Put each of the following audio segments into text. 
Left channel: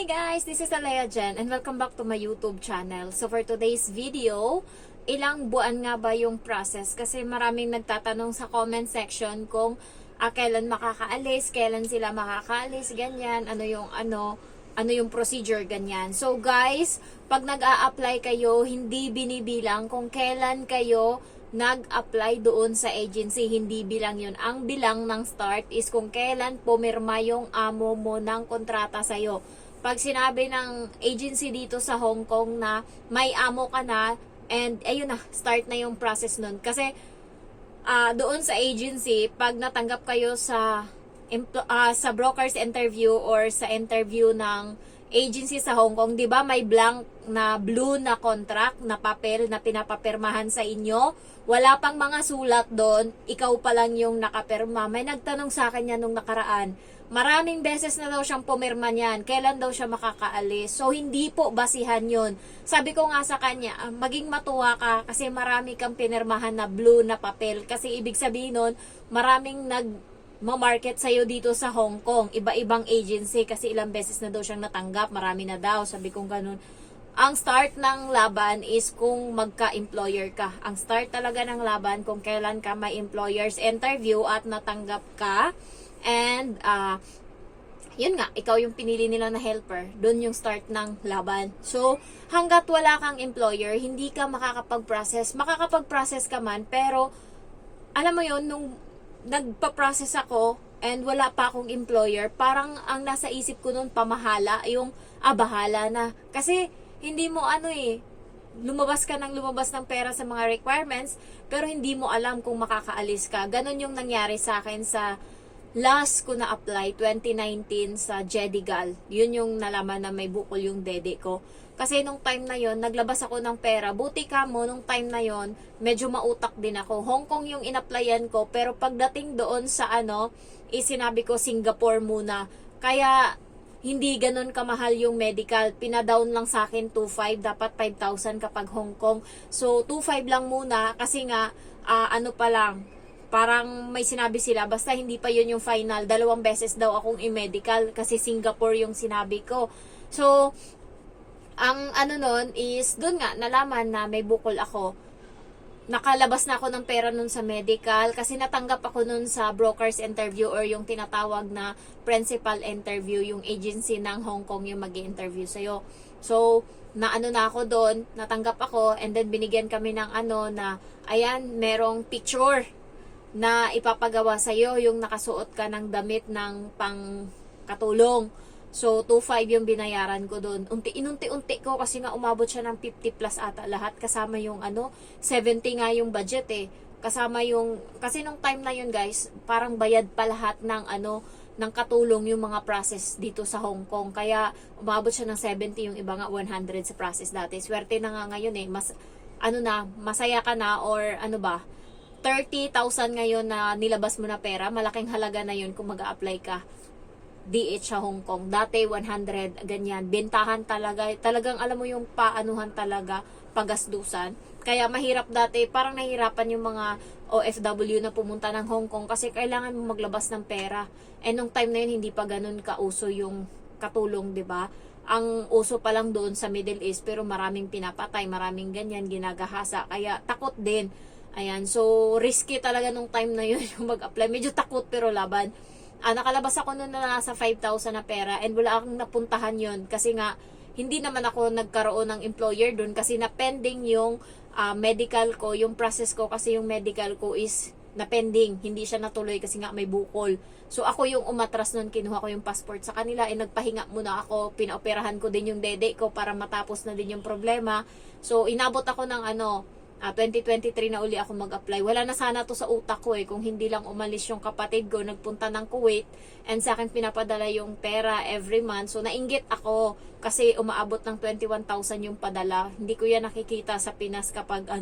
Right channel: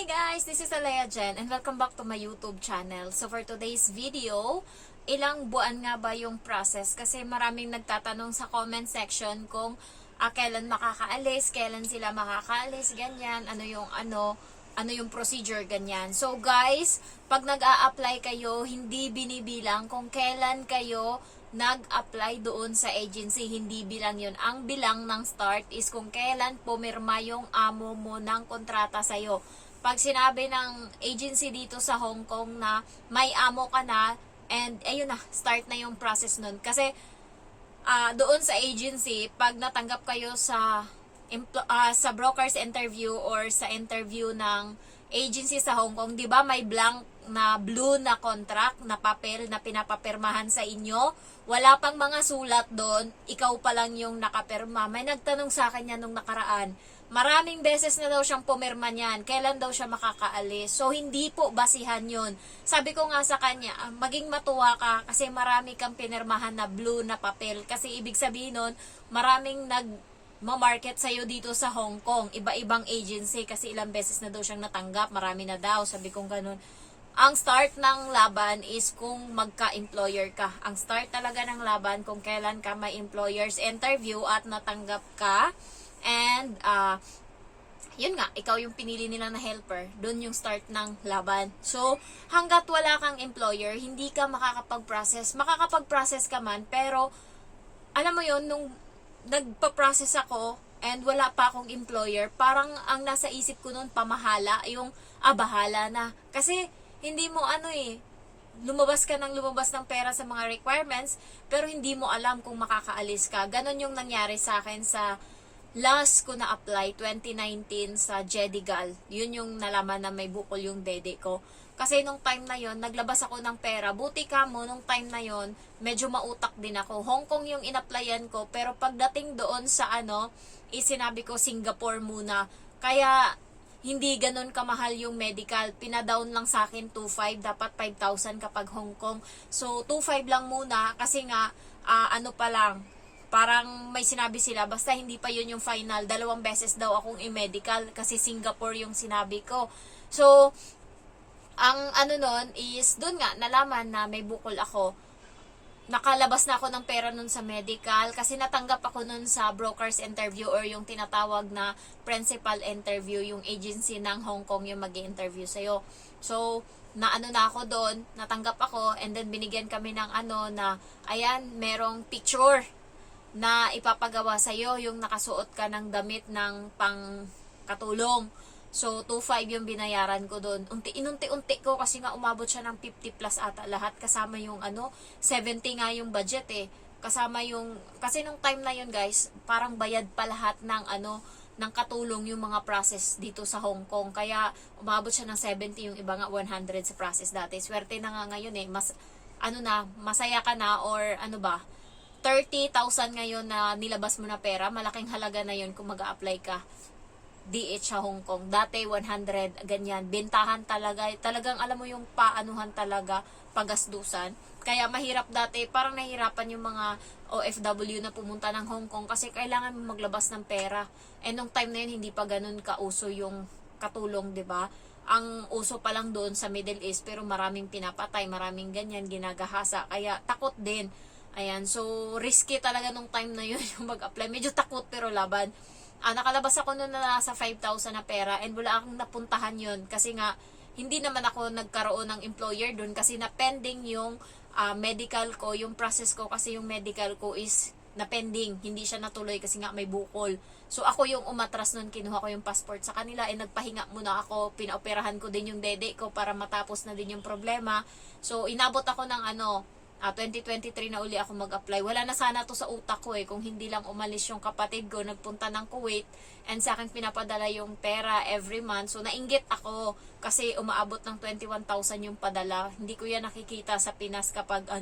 Hi guys, this is Alea Jen and welcome back to my YouTube channel. So for today's video, ilang buwan nga ba yung process? Kasi maraming nagtatanong sa comment section kung kailan makakaalis, kailan sila makakaalis, ganyan, ano yung procedure, ganyan. So guys, pag nag-a-apply kayo, hindi binibilang kung kailan kayo nag-apply doon sa agency, hindi bilang yun. Ang bilang ng start is kung kailan pumirma yung amo mo ng kontrata sa'yo. Pag sinabi ng agency dito sa Hong Kong na may amo ka na, and ayun na, start na yung process nun. Kasi doon sa agency, pag natanggap kayo sa broker's interview or sa interview ng agency sa Hong Kong, 'di ba may blank na blue na contract na papel na pinapapirmahan sa inyo? Wala pang mga sulat doon, ikaw pa lang yung nakapirma. May nagtanong sa akin yan nung nakaraan. Maraming beses na daw siyang pumirma niyan. Kailan daw siya makakaalis? So, hindi po basihan yun. Sabi ko nga sa kanya, maging matuwa ka kasi marami kang pinirmahan na blue na papel. Kasi ibig sabihin nun, maraming ma-market sa'yo dito sa Hong Kong. Iba-ibang agency kasi ilang beses na daw siyang natanggap. Marami na daw. Sabi kong ganun. Ang start ng laban is kung magka-employer ka. Ang start talaga ng laban kung kailan ka may employer's interview at natanggap ka. And, yun nga, ikaw yung pinili nila na helper. Doon yung start ng laban. So, hanggat wala kang employer, hindi ka makakapag-process. Makakapag-process ka man, pero, alam mo yun, nung nagpa-process ako and wala pa akong employer, parang ang nasa isip ko noon pamahala, yung bahala na. Kasi hindi mo lumabas ng pera sa mga requirements, pero hindi mo alam kung makakaalis ka. Ganon yung nangyari sa akin sa last ko na apply, 2019 sa Jedigal. Yun yung nalaman na may bukol yung dede ko. Kasi nung time na yon naglabas ako ng pera. Buti ka mo, nung time na yon medyo mautak din ako. Hong Kong yung in-applyan ko, pero pagdating doon sa sinabi ko Singapore muna. Kaya, hindi ganun kamahal yung medical. Pinadown lang sa akin 2,500, dapat 5,000 kapag Hong Kong. So, 2,500 lang muna, kasi nga, pa lang, parang may sinabi sila, basta hindi pa yun yung final. 2 beses daw akong i-medical, kasi Singapore yung sinabi ko. So, ang nun is, doon nga, nalaman na may bukol ako. Nakalabas na ako ng pera nun sa medical kasi natanggap ako nun sa broker's interview or yung tinatawag na principal interview, yung agency ng Hong Kong yung mag-i-interview sa'yo. So, na ako doon, natanggap ako, and then binigyan kami ng na, ayan, merong picture na ipapagawa sa'yo, yung nakasuot ka ng damit ng pangkatulong. So, 2,500 yung binayaran ko doon. Inunti-unti ko kasi nga umabot siya ng 50 plus ata lahat. Kasama yung 70 nga yung budget eh. Kasama yung, kasi nung time na yun guys, parang bayad pa lahat ng ng katulong yung mga process dito sa Hong Kong. Kaya umabot siya ng 70, yung iba nga 100 sa process dati. Swerte na nga ngayon eh. Mas, masaya ka na or 30,000 ngayon na nilabas mo na pera. Malaking halaga na yun kung mag-a-apply ka DH sa Hong Kong. Dati 100, ganyan. Bentahan talaga. Talagang alam mo yung paanuhan talaga, pagasdusan. Kaya mahirap dati. Parang nahihirapan yung mga OFW na pumunta ng Hong Kong kasi kailangan mo maglabas ng pera. And nung time na yun, hindi pa ganun kauso yung katulong, 'di ba? Ang uso pa lang doon sa Middle East, pero maraming pinapatay, maraming ganyan, ginagahasa. Kaya takot din. Ayan. So, risky talaga nung time na yun yung mag-apply. Medyo takot pero laban. Nakalabas ako noon na nasa 5,000 na pera and wala akong napuntahan yun kasi nga hindi naman ako nagkaroon ng employer doon kasi na pending yung medical ko, yung process ko kasi yung medical ko is na pending, hindi siya natuloy kasi nga may bukol. So ako yung umatras noon, kinuha ko yung passport sa kanila nagpahinga muna ako, pinaoperahan ko din yung dede ko para matapos na din yung problema. So inabot ako ng 2023 na uli ako mag-apply. Wala na sana to sa utak ko kung hindi lang umalis yung kapatid ko, nagpunta ng Kuwait, and sa akin pinapadala yung pera every month. So, nainggit ako kasi umaabot ng 21,000 yung padala. Hindi ko yan nakikita sa Pinas kapag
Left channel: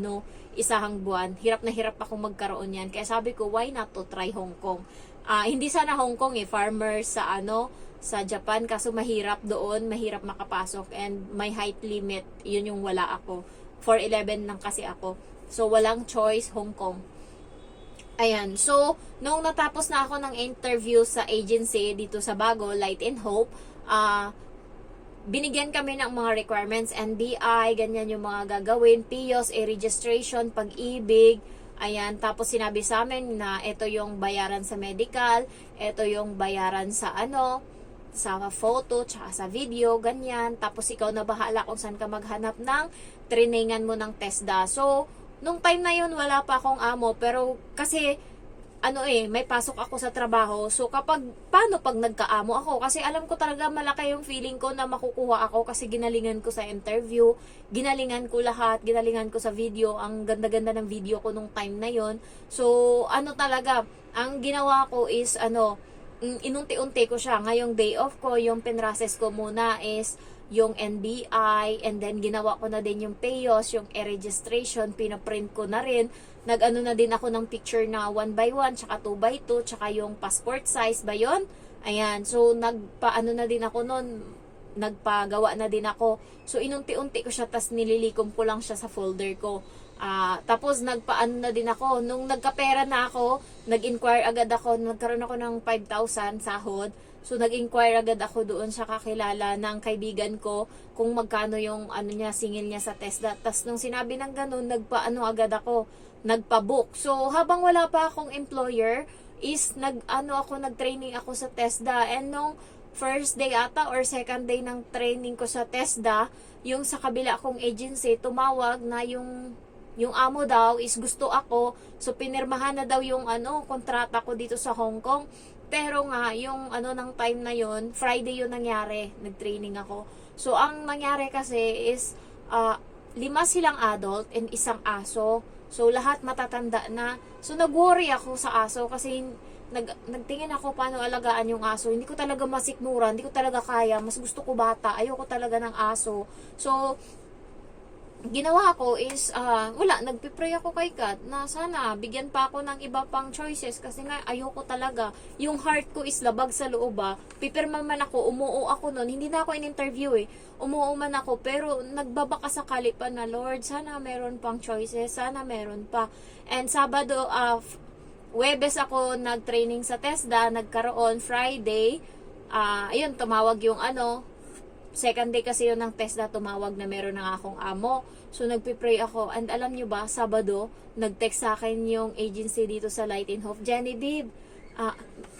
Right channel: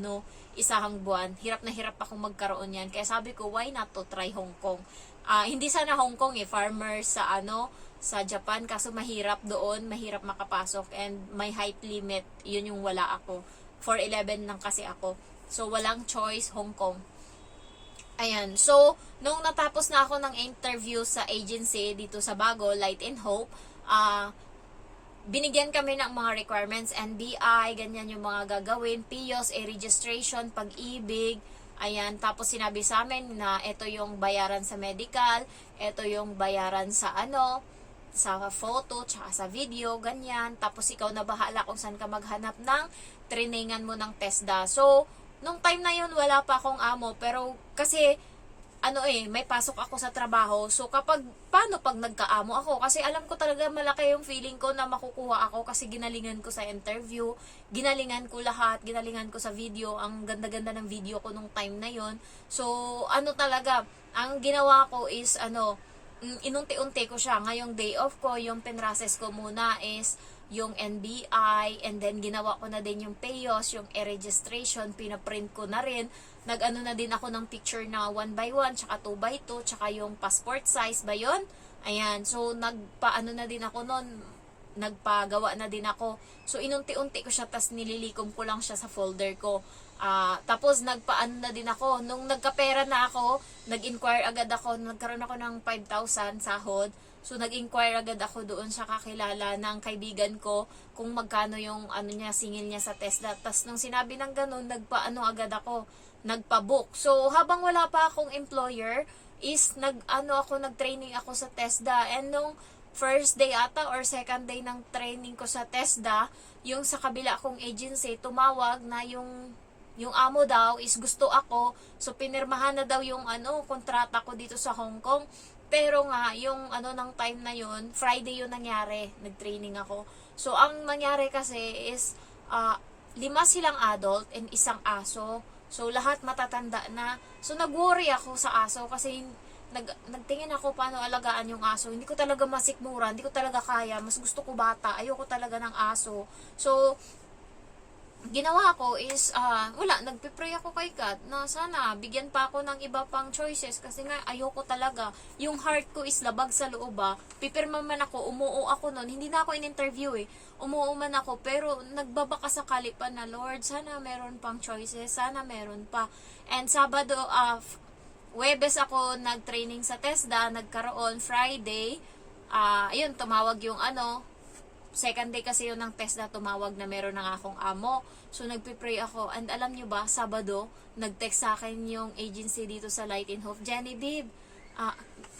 isahang buwan. Hirap na hirap ako magkaroon yan. Kaya sabi ko, why not to try Hong Kong? Hindi sana Hong Kong farmer sa Japan, kaso mahirap doon, mahirap makapasok, and may height limit, yun yung wala ako. 4'11 lang kasi ako. So, walang choice, Hong Kong. Ayan. So, nung natapos na ako ng interview sa agency dito sa Bago, Light and Hope, binigyan kami ng mga requirements, NBI, ganyan yung mga gagawin, PIOS, registration, pag-ibig, ayan, tapos sinabi sa amin na ito yung bayaran sa medical, ito yung bayaran sa sa photo, tsaka sa video, ganyan, tapos ikaw na bahala kung saan ka maghanap ng trainingan mo ng TESDA. So, nung time na yun, wala pa akong amo, pero kasi, may pasok ako sa trabaho. So, paano pag nagkaamo ako? Kasi alam ko talaga malaki yung feeling ko na makukuha ako kasi ginalingan ko sa interview, ginalingan ko lahat, ginalingan ko sa video, ang ganda-ganda ng video ko nung time na yon. So, talaga, ang ginawa ko is, inunti-unti ko siya. Ngayong day off ko, yung pinrases ko muna is yung NBI, and then ginawa ko na din yung PAYOS, yung e-registration, pinaprint ko na rin. Nag-ano na din ako ng picture na 1x1, tsaka 2x2, tsaka yung passport size ba yun? Ayan, so nagpaano na din ako nun, nagpagawa na din ako. So inunti-unti ko siya, tas nililikom ko lang siya sa folder ko. Tapos nagpaano na din ako, nung nagkapera na ako, nag-inquire agad ako, nagkaroon ako ng 5,000 sahod. So nag-inquire agad ako doon sa kakilala ng kaibigan ko kung magkano yung singil niya sa TESDA. Tapos nung sinabi ng ganun, nagpaano agad ako, nagpa-book. So habang wala pa akong employer is nag-training ako sa TESDA, and nung first day ata or second day ng training ko sa TESDA, yung sa kabila kong agency tumawag na yung amo daw is gusto ako. So pinirmahan na daw yung kontrata ko dito sa Hong Kong. Pero nga, yung ng time na yon, Friday yun nangyari, nag-training ako. So, ang nangyari kasi is, 5 silang adult and isang aso. So, lahat matatanda na. So, nag-worry ako sa aso kasi nagtingin ako paano alagaan yung aso. Hindi ko talaga masikmuran, hindi ko talaga kaya. Mas gusto ko bata, ayoko talaga ng aso. So, ginawa ko is, nagpipray ako kay God na sana bigyan pa ako ng iba pang choices kasi nga ayoko talaga. Yung heart ko is labag sa loob Pipirma man ako, umuo ako nun. Hindi na ako in-interview Umuo man ako, pero nagbabaka sakali pa na, Lord, sana meron pang choices, sana meron pa. And Sabado, Webes ako nag-training sa TESDA, nagkaroon Friday. Ayun, tumawag yung second day kasi yun ng TESDA, tumawag na meron na akong amo. So, nagpipray ako. And alam nyo ba, Sabado, nag-text sa akin yung agency dito sa Light in Hope. Jenny, babe,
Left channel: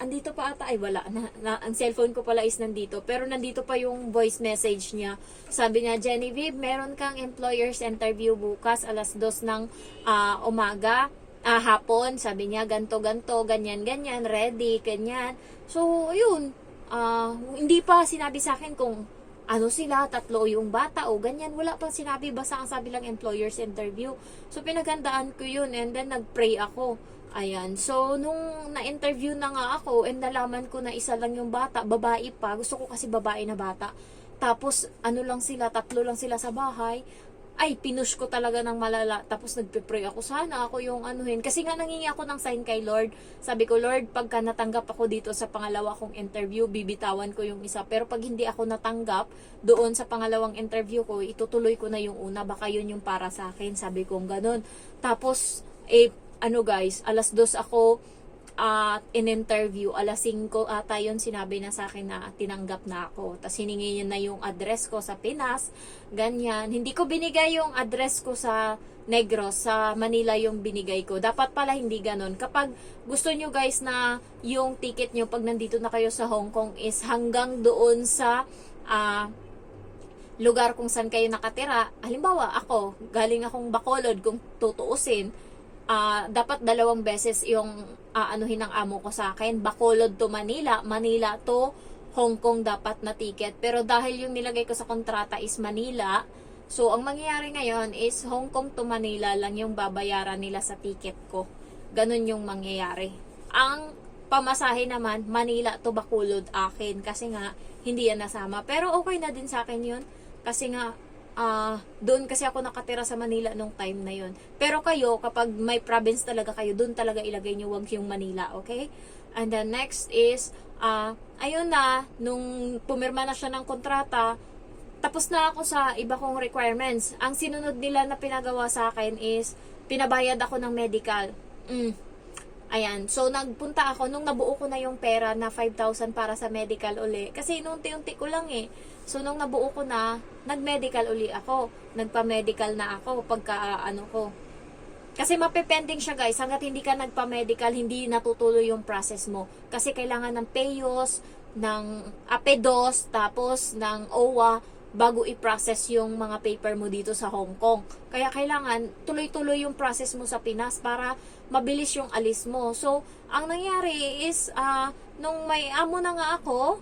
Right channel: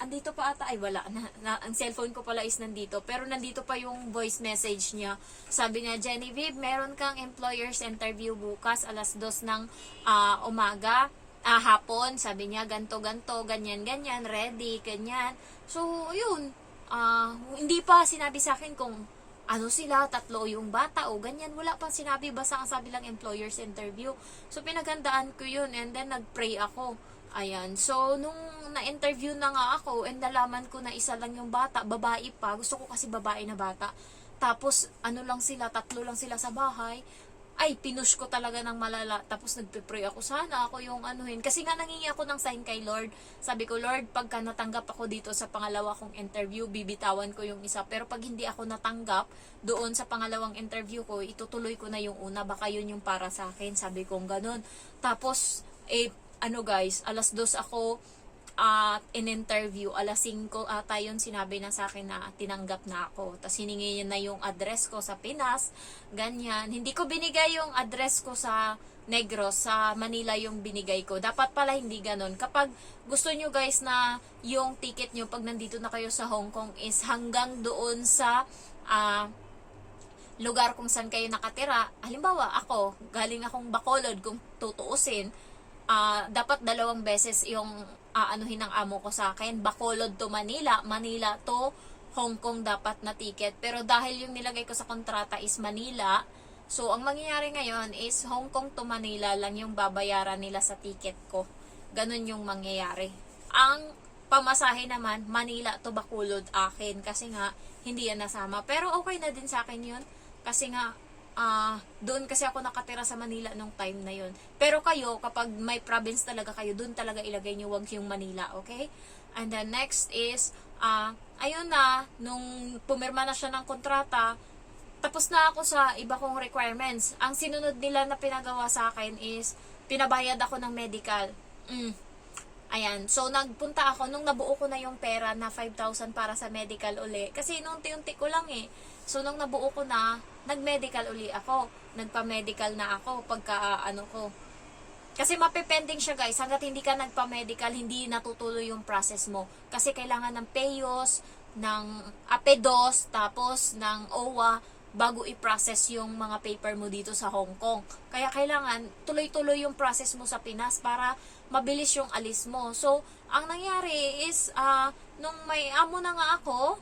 andito pa ata. Ay, wala. Ang cellphone ko pala is nandito. Pero nandito pa yung voice message niya. Sabi niya, Jenny, babe, meron kang employer's interview bukas, alas 2 ng umaga. Hapon. Sabi niya, ganto, ganyan, ready, ganyan. So, yun. Hindi pa sinabi sa akin kung sila, 3 yung bata o ganyan. Wala pang sinabi, basta ang sabi lang employer's interview. So, pinaghandaan ko yun and then nag-pray ako. Ayan. So, nung na-interview na nga ako and nalaman ko na isa lang yung bata, babae pa. Gusto ko kasi babae na bata. Tapos, 3 lang sila sa bahay. Ay, pinush ko talaga ng malala. Tapos nagpipray ako, sana ako yung Kasi nga nangingi ako ng sign kay Lord. Sabi ko, Lord, pagka natanggap ako dito sa pangalawa kong interview, bibitawan ko yung isa. Pero pag hindi ako natanggap doon sa pangalawang interview ko, itutuloy ko na yung una. Baka yun yung para sa akin. Sabi ko ganun. Tapos, guys, alas 2 ako in-interview, alas 5 ata yun, sinabi na sa akin na tinanggap na ako. Tapos hiningi niya na yung address ko sa Pinas, ganyan. Hindi ko binigay yung address ko sa Negros, sa Manila yung binigay ko. Dapat pala hindi ganon. Kapag gusto nyo guys na yung ticket nyo pag nandito na kayo sa Hong Kong is hanggang doon sa lugar kung saan kayo nakatira. Halimbawa, ako, galing akong Bacolod, kung tutuusin, dapat 2 beses yung anuhin ng amo ko sa akin. Bacolod to Manila, Manila to Hong Kong dapat na ticket. Pero dahil yung nilagay ko sa kontrata is Manila, so ang mangyayari ngayon is Hong Kong to Manila lang yung babayaran nila sa ticket ko. Ganun yung mangyayari. Ang pamasahe naman, Manila to Bacolod akin kasi nga hindi yan nasama. Pero okay na din sa akin yun kasi nga doon kasi ako nakatira sa Manila nung time na yun. Pero kayo, kapag may province talaga kayo, doon talaga ilagay nyo, wag yung Manila, okay? And then next is, ayun na, nung pumirma na siya ng kontrata, tapos na ako sa iba kong requirements. Ang sinunod nila na pinagawa sa akin is, pinabayad ako ng medical. Ayan, so nagpunta ako, nung nabuo ko na yung pera na 5,000 para sa medical uli. Kasi unti-unti ko lang So, nung nabuo ko na, nag-medical uli ako. Nagpa-medical na ako pagka kasi mapepending siya guys, hanggat hindi ka nagpa-medical, hindi natutuloy yung process mo. Kasi kailangan ng PEOS, ng APEDOS, tapos ng OWA, bago i-process yung mga paper mo dito sa Hong Kong. Kaya kailangan tuloy-tuloy yung process mo sa Pinas para mabilis yung alis mo. So, ang nangyari is, nung may amo na nga ako,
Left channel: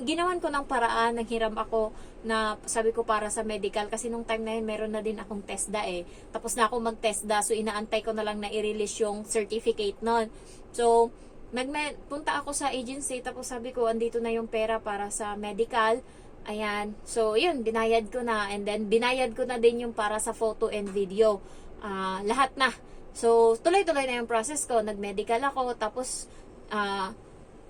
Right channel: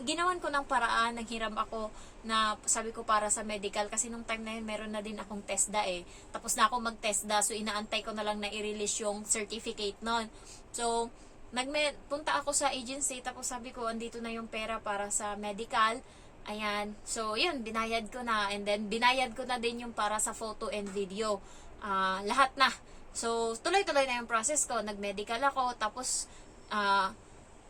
ginawan ko ng paraan, naghiram ako na sabi ko para sa medical kasi nung time na yun meron na din akong TESDA tapos na ako mag-TESDA, so inaantay ko na lang na i-release yung certificate nun. So punta ako sa agency, tapos sabi ko andito na yung pera para sa medical. Ayan, so yun, binayad ko na, and then binayad ko na din yung para sa photo and video, lahat na. So tuloy-tuloy na yung process ko, nag-medical ako, tapos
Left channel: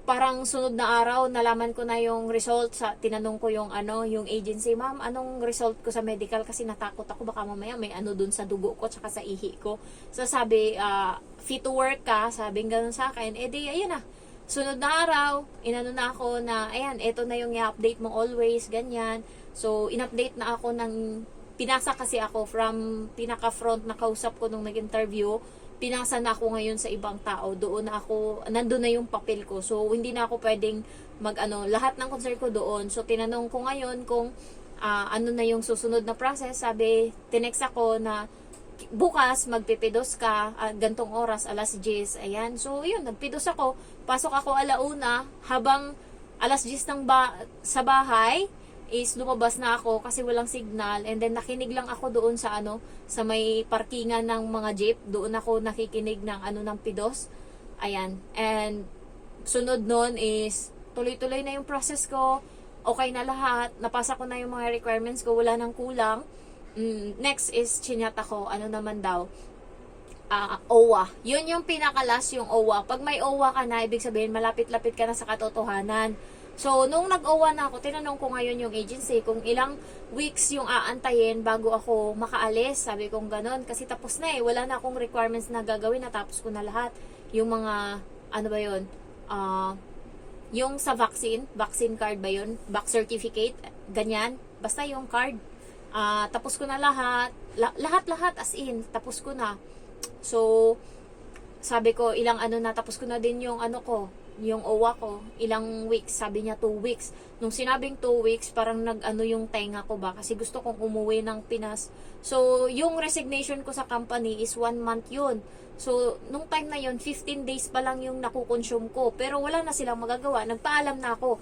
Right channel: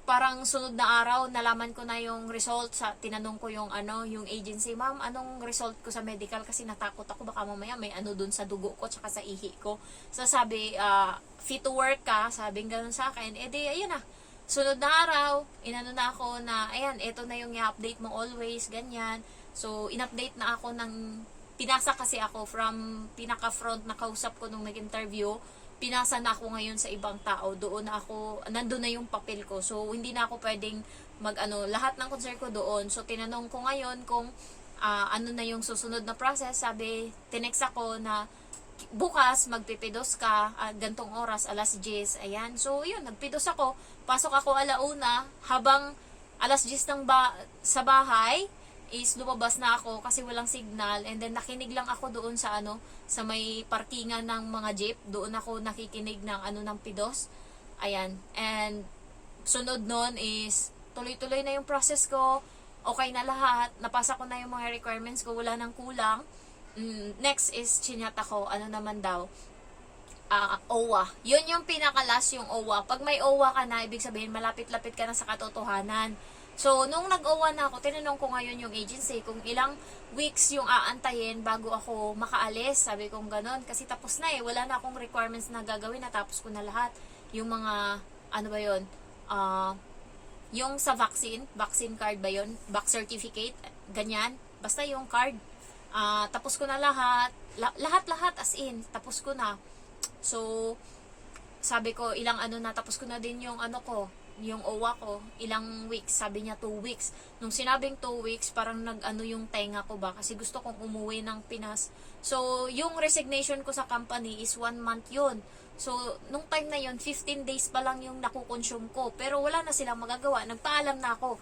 parang sunod na araw, nalaman ko na yung result. Tinanong ko yung yung agency, ma'am, anong result ko sa medical? Kasi natakot ako, baka mamaya may dun sa dugo ko, tsaka sa ihi ko. So sabi, fit to work ka, sabing ganun sa akin. Di, ayun na. Sunod na araw, inano na ako na, ayan, eto na yung i-update mo always, ganyan. So, in-update na ako pinasa kasi ako from pinaka-front na kausap ko nung nag-interview, pinasa na ako ngayon sa ibang tao. Nandun na yung papel ko. So, hindi na ako pwedeng lahat ng concern ko doon. So, tinanong ko ngayon kung ano na yung susunod na process. Sabi, tinext ako na bukas magpipidos ka, gantong oras, alas 10. Ayan. So, yun, nagpidos ako. Pasok ako alauna, habang alas 10 sa bahay, is lumabas na ako kasi walang signal, and then nakinig lang ako doon sa sa may parkingan ng mga jeep. Doon ako nakikinig ng ng pidos. Ayan, and sunod nun is tuloy-tuloy na yung process ko, okay na lahat, napasa ko na yung mga requirements ko, wala nang kulang. Next is chinat ako, naman daw, OWA. Yun yung pinakalas, yung OWA. Pag may OWA ka na, ibig sabihin malapit-lapit ka na sa katotohanan. So, nung nag-OWA na ako, tinanong ko ngayon yung agency kung ilang weeks yung aantayin bago ako makaalis. Sabi kong ganon. Kasi tapos na wala na akong requirements na gagawin. Natapos ko na lahat. Yung mga, ba yun? Yung sa vaccine card ba yun? Back certificate, ganyan. Basta yung card. Tapos ko na lahat. Lahat as in. Tapos ko na. So, sabi ko, ilang na, tapos ko na din yung yung OWA ko, ilang weeks, sabi niya 2 weeks. Nung sinabing 2 weeks, parang yung tenga ko ba, kasi gusto kong umuwi ng Pinas. So, yung resignation ko sa company is 1 month yun. So, nung time na yun, 15 days pa lang yung nakukonsume ko, pero wala na silang magagawa. Nagpaalam na ako.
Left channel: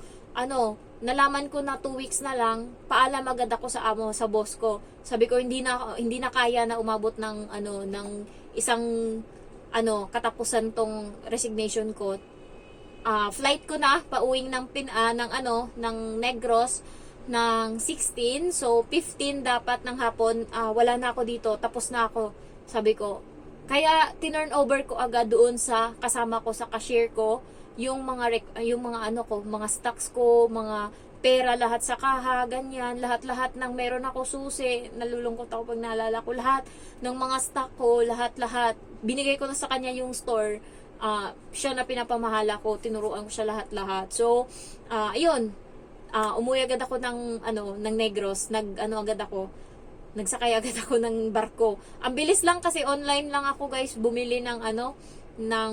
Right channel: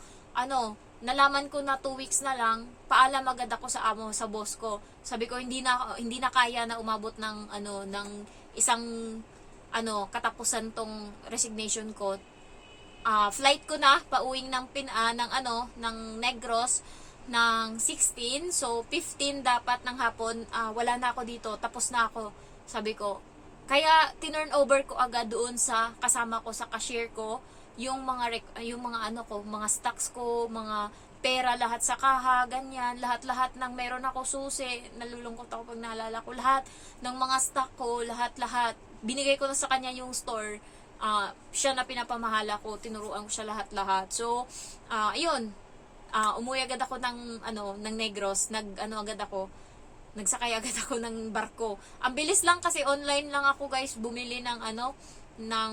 Nalaman ko na 2 weeks na lang, paalam agad ako sa boss ko. Sabi ko, hindi na kaya na umabot ng ng isang katapusan tong resignation ko. Flight ko na pauwing ng Negros ng 16, so 15 dapat ng hapon, wala na ako dito, tapos na ako. Sabi ko, kaya tinurn over ko agad doon sa kasama ko, sa cashier ko, yung mga mga stocks ko, mga pera, lahat sa kaha, ganyan, lahat ng meron ako, susi, nalulungkot ako pag naalala ko, lahat ng mga stock ko, lahat binigay ko na sa kanya yung store. Siya na pinapamahala ko, tinuruan ko siya lahat. So, ayun, umuwi agad ako ng Negros, nagsakay agad ako ng barko. Ang bilis lang kasi online lang ako guys, bumili ng ng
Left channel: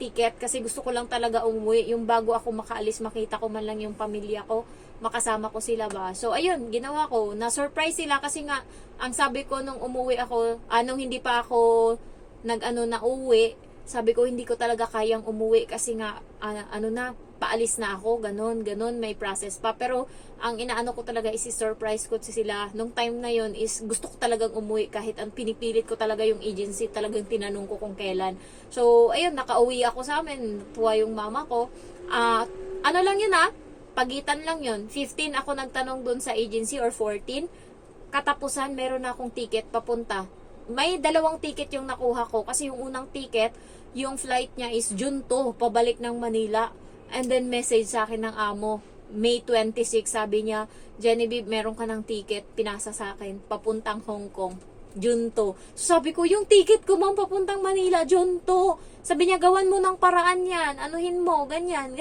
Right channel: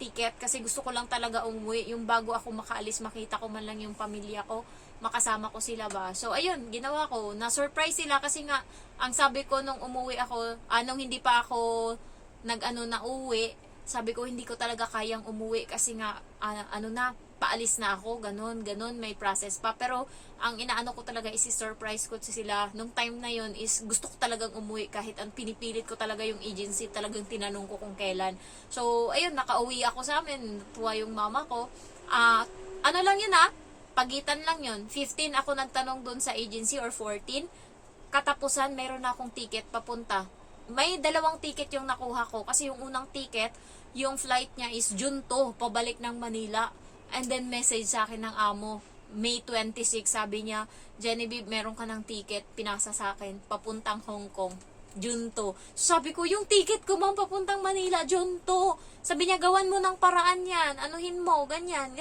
ticket kasi gusto ko lang talaga umuwi. Yung bago ako makaalis, makita ko man lang yung pamilya ko, makasama ko sila ba. So, ayun, ginawa ko. Na-surprise sila kasi nga, ang sabi ko nung umuwi ako, nung hindi pa ako na uwi, sabi ko, hindi ko talaga kayang umuwi kasi nga, paalis na ako, ganon, may process pa. Pero, ang inaano ko talaga is surprise ko sila. Nung time na yon is gusto ko talagang umuwi kahit ang pinipilit ko talaga yung agency, talagang tinanong ko kung kailan. So, ayun, nakauwi ako sa amin, tuwa yung mama ko. Lang yun pagitan lang yun. 15 ako nagtanong dun sa agency or 14. Katapusan, meron na akong ticket papunta. May 2 ticket yung nakuha ko kasi yung unang ticket, yung flight niya is June 2, pabalik ng Manila. And then message sa akin ng amo, May 26, sabi niya, Genevieve, meron ka ng ticket, pinasa sa akin, papuntang Hong Kong, June 2. So sabi ko, yung ticket ko ma'am, papuntang Manila, June 2. Sabi niya, gawan mo ng paraan yan, anuhin mo, ganyan.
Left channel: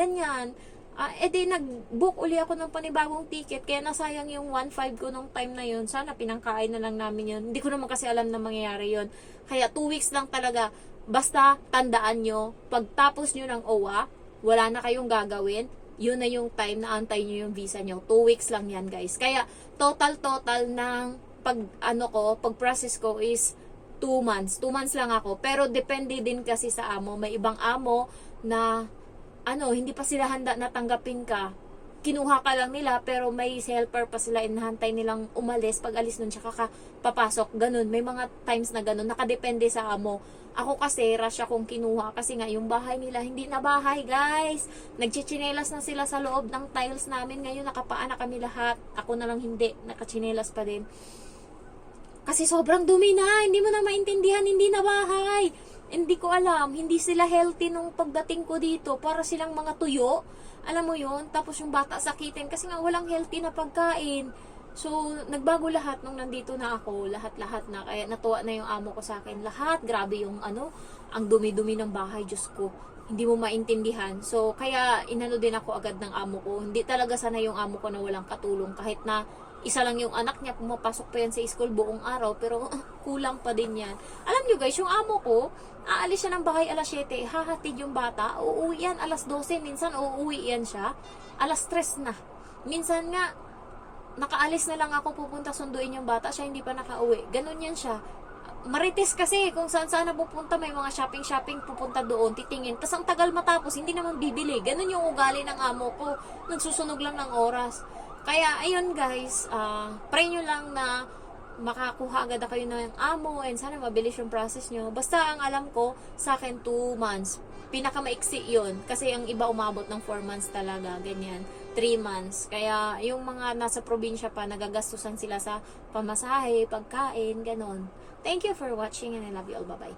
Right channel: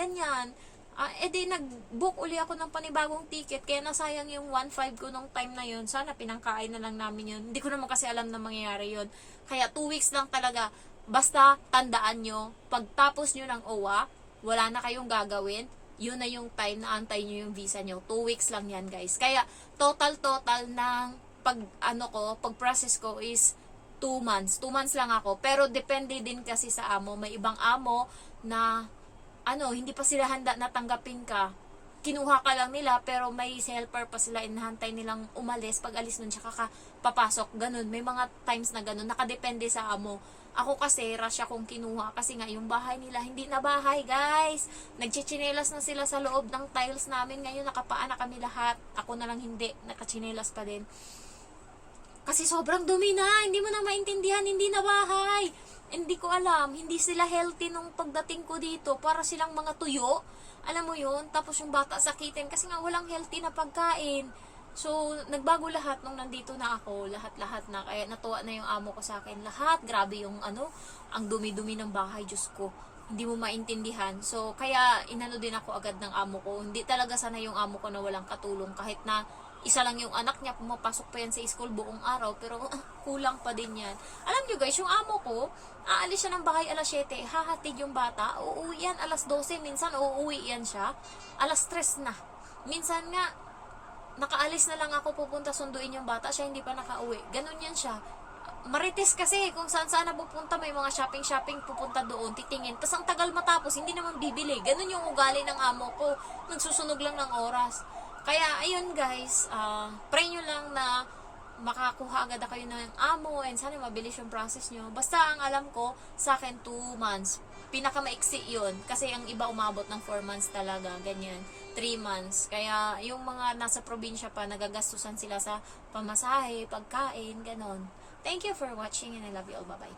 Nag-book uli ako ng panibagong ticket, kaya nasayang yung 1.5 ko nung time na yun. Sana pinangkain na lang namin yun. Hindi ko naman kasi alam na mangyayari yun. Kaya 2 weeks lang talaga. Basta tandaan nyo, pagtapos nyo ng OWA, wala na kayong gagawin, yun na yung time na antay nyo yung visa nyo. 2 weeks lang yan, guys. Kaya total ng pag-process ko is 2 months. 2 months lang ako. Pero depende din kasi sa amo. May ibang amo na hindi pa sila handa na tanggapin ka. Kinuha ka lang nila, pero may helper pa sila, inahantay nilang umalis. Pag alis nun, tsaka ka papasok. Ganun. May mga times na ganun. Nakadepende sa amo. Ako kasi, rush akong kinuha. Kasi nga, yung bahay nila, hindi na bahay, guys. Nagchichinelas na sila sa loob ng tiles namin. Ngayon, nakapaan na kami lahat. Ako na lang hindi. Nakachinelas pa din. Kasi sobrang dumi na. Hindi mo na maintindihan. Hindi na bahay. Hindi ko alam, hindi sila healthy nung pagdating ko dito. Para silang mga tuyo. Alam mo yun? Tapos yung bata sakitin kasi nga walang healthy na pagkain. So, nagbago lahat nung nandito na ako. Lahat-lahat na. Kaya natuwa na yung amo ko sa akin. Lahat, grabe yung ang dumi-dumi ng bahay, Diyos ko. Hindi mo maintindihan. So, kaya inano din ako agad ng amo ko. Hindi talaga sana yung amo ko na walang katulong. Kahit na isa lang yung anak niya, pumapasok pa yan sa school buong araw, pero kulang pa din yan. Alam nyo guys, yung amo ko, aalis siya ng bahay alas 7, hahatid yung bata, uuwi yan alas 12, minsan uuwi yan siya, alas 3 na. Minsan nga, nakaalis na lang ako pupunta sunduin yung bata, siya hindi pa nakauwi. Ganun yan siya. Marites kasi, kung saan na pupunta, may mga shopping pupunta doon, titingin. Tapos ang tagal matapos, hindi naman bibili. Ganun yung ugali ng amo ko. Nagsusunog lang ng oras. Kaya, ayun guys, pray nyo lang na makakuha agad kayo ng amo and sana mabilis yung process nyo. Basta ang alam ko, sa akin 2 months. Pinakamaiksi yun. Kasi ang iba umabot ng 4 months talaga, ganyan. 3 months. Kaya, yung mga nasa probinsya pa, nagagastusan sila sa pamasahe, pagkain, ganon. Thank you for watching and I love you all. Bye-bye.